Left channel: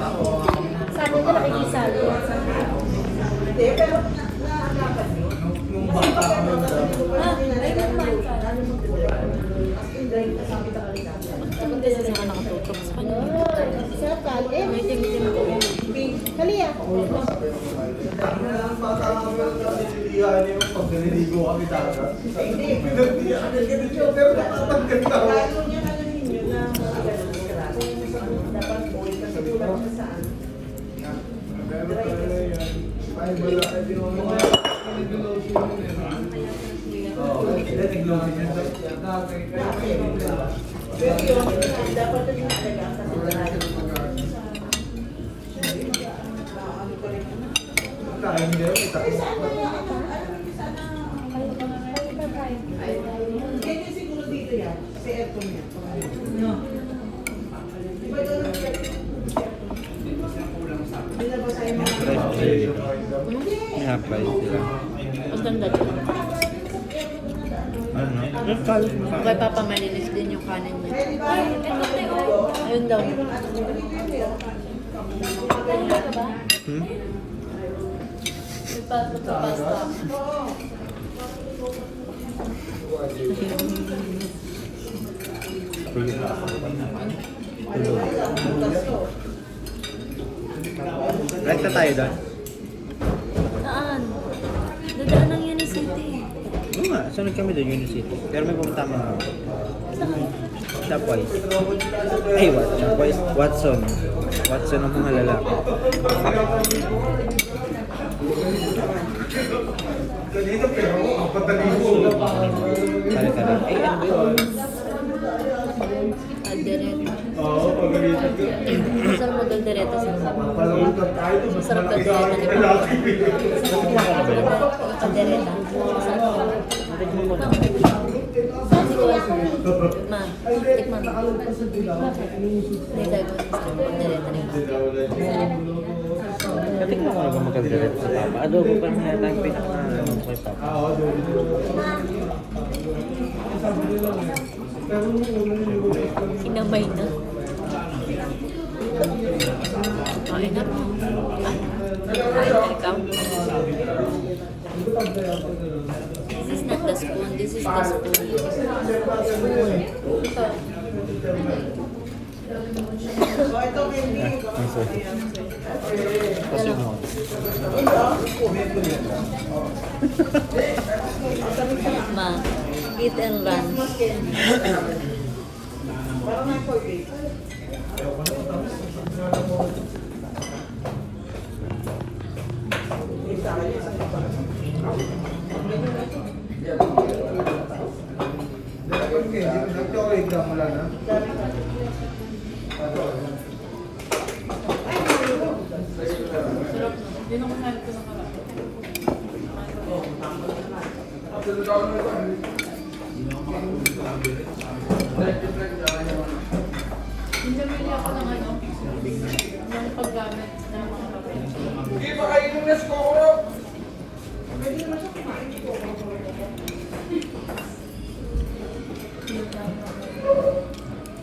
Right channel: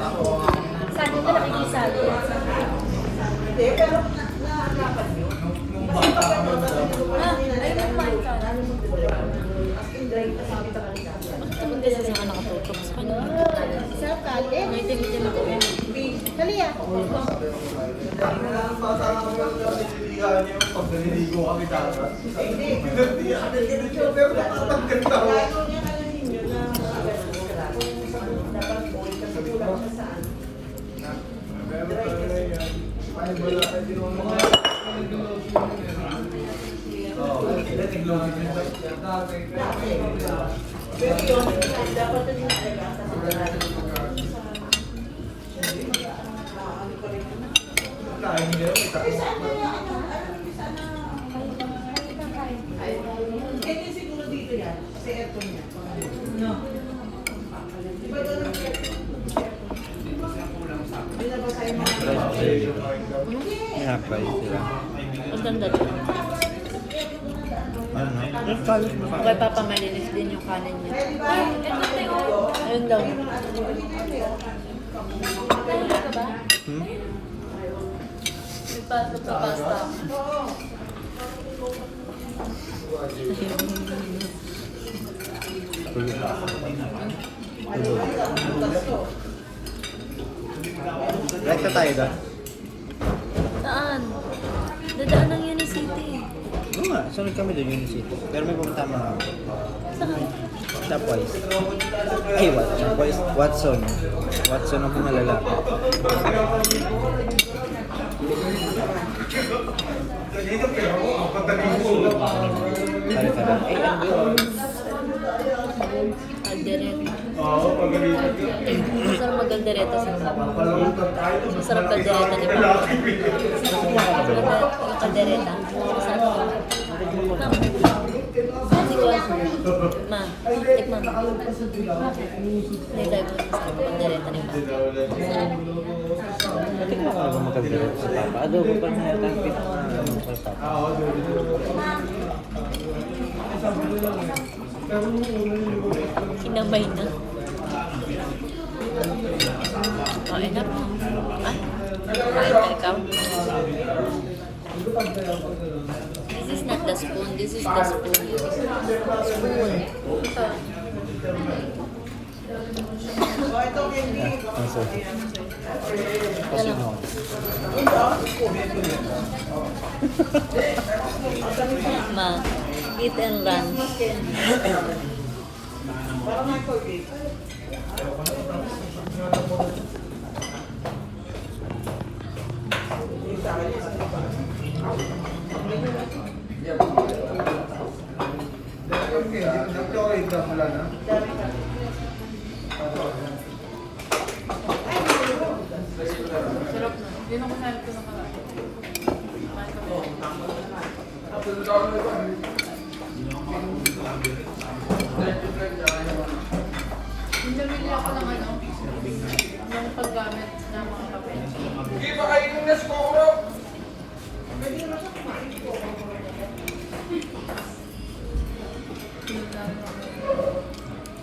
Sabi ko na inisali. Hindi kasi ako nakatutok sa kanya. Sarap kalit. May tigil ako. Hali ah. Nga-fry sila. Ang ganda din. Ano? Nagkalos mo Kaya papamalinis din yung kanin niya. Ayun daw. Hmm? Tulog. Tulog. Right na tayo doon? Saan? Dadaan ng Unicity. Oo nga, sunod kami doon, Unicity. Pero may pupunta mo ako. Saan? Stopwise. Ay, what? Stopwise? Watson. Watson ang mga lalaki. Tari-tari. Ay, ano ba yun? Aldereta. Masarap mag-aldereta sa masarap kaldereta, di ba? Nakuha ka na ba yun? Yung kaldereta. Masarap ko. Natignan mo na. Sabi ko, ma, tikman mo. Bakit? Hindi tayo po masarap kaldereta, di ba? Masarap. Natignan ko na ba magkaldereta sa Papa? Adobo pa niya yata ang pinaka-ano kay Papa. Kinamay na. Kain na. Ay, kain ka ikaw. This is not the spoon. This is the spoon. Spoon. Ay, ang sarap. Kasi mo. Ma, eat and run.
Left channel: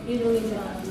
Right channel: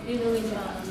Inuwi siya.